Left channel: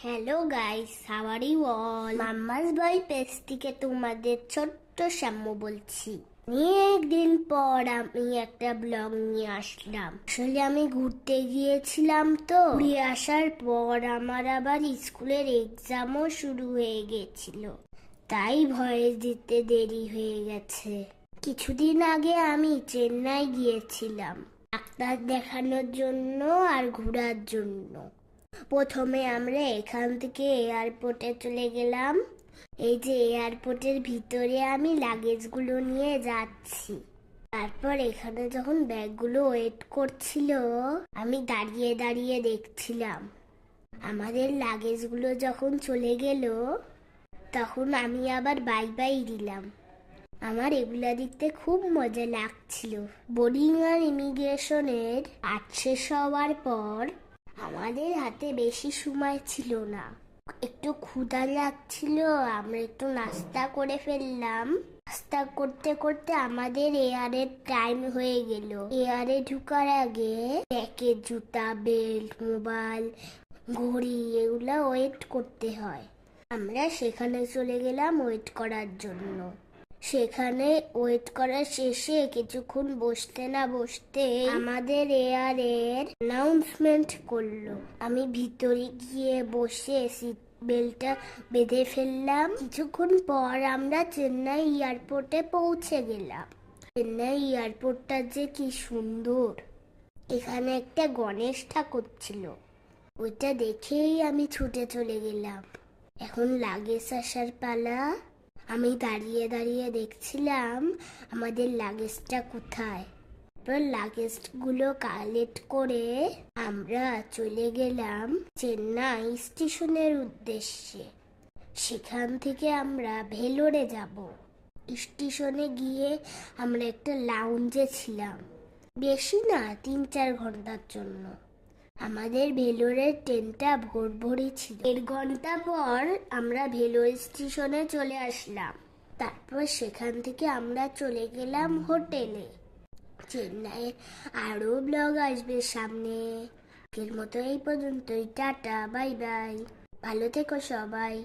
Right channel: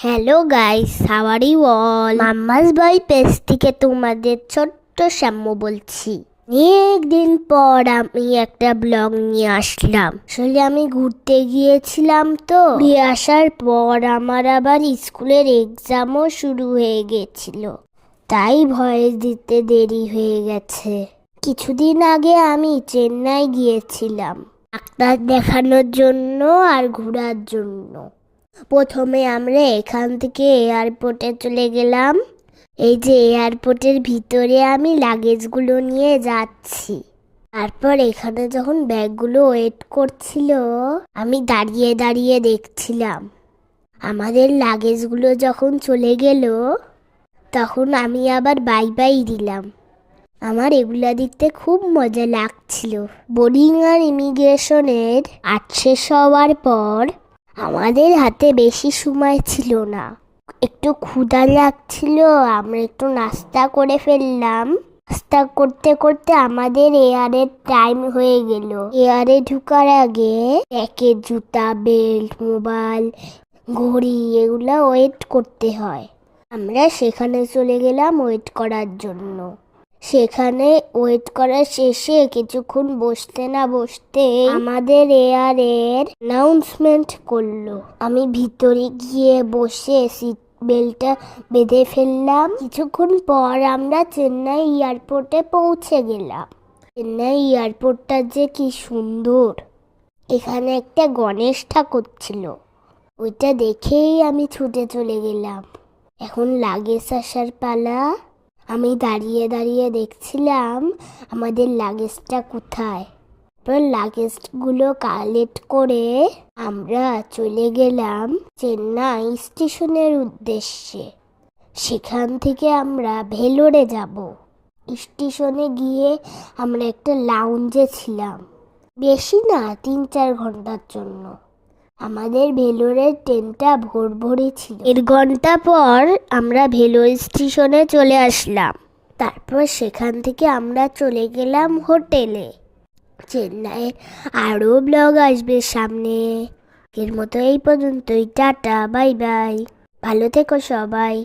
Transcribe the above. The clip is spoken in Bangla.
Hello guys, how are you all? Mumma's boy page থেকে তোমাদের ছোট্ট শ্যাম্য বলছি। অনেক দিন পর আমি একটা ব্লগ নিয়ে আসলাম। আসলে আমি ঘুরতে গিয়েছিলাম, তো ঘুরে আসার পর আমার আবার স্কুলের এক্সামও শুরু হয়ে গেছিল, তাই ভয়েস দিতে দেরি হয়ে গেছে। কিছুদিন আগে আমি চেন্নাই গিয়েছিলাম ডাক্তার দেখানোর জন্য আর ঘোরার জন্য। প্রথমে আমরা এখান থেকে এয়ারপোর্টে চলে গেলাম। এই যে এয়ারপোর্টের ভিতরে আমি লাগেজগুলো নিয়ে যাচ্ছি। তারপর এখানে যখন ব্যাগগুলো ওয়েট করছিল, আমি দাঁড়িয়ে দাঁড়িয়ে দেখছিলাম। আমাদের লাগেজগুলো যখন চলে গেল, তখন আমি আবার বাই বাই দিলাম। আমার এগুলা দেখতে খুব মজা লাগছিল। বোর্ডিং আর ইমিগ্রেশনের শেষ হওয়ার পর আমাদের হাতে বেশি সময় ছিল না, একটু ক্ষুধা লাগছিল। আমরা একটু নাস্তা করে ফেললাম। নাস্তা করতে করতে আমাদের এয়ারের টাইম হয়ে গেল। এয়ারে ঢুকার আগে প্যাকেট, জুতা, বেল্ট, মোবাইল, ঘড়ি এগুলা ওয়েট করতে হয়। আমরা সেখানে চলে গেলাম ওয়েট করার জন্য। সেখানে ওয়েট করার শেষে কিছুক্ষণ বসতে না বসতে আমাদের এয়ারের অ্যানাউন্সমেন্ট করলো। আমি ভিতরে গিয়ে বসে সিট বেল্টটা বেঁধে ফেললাম। কিছুক্ষণ পর আমরা চেন্নাই এয়ারপোর্টে পৌঁছে গেলাম। চেন্নাই এয়ারপোর্টটা যে কি সুন্দর! এখানে একটা গণেশ ঠাকুর ছিল, ওইটা দেখেই আমি ছুটে চলে গেলাম। এখন লাগেজ আসার পালা। আমি দাঁড়িয়ে দাঁড়িয়ে দেখছিলাম আমাদের লাগেজটা কোথায়। তারপর লাগেজগুলো কালেক্ট করে আমরা চলে গেলাম চেন্নাই স্টেশনের উদ্দেশ্যে। সেখান থেকে আমরা ভেলোরে যাব। স্টেশনে গিয়ে আমরা একটা লাউঞ্জে ছিলাম, বেশি না 3-4 ঘন্টার জন্য। আমাদের ভেলোরের ট্রেনটা ভোরই ছিল। 1 ঘন্টা পর আমরা ভেলোর স্টেশনে চলে আসলাম। তারপর সেখান থেকে আমরা চলে গেলাম হোটেলে। চেন্নাইয়ের আরও ব্লগ আসবে সামনে। এর মতো এই পর্যন্তই। টাটা, বাই বাই, ভালো থেকো সবাই।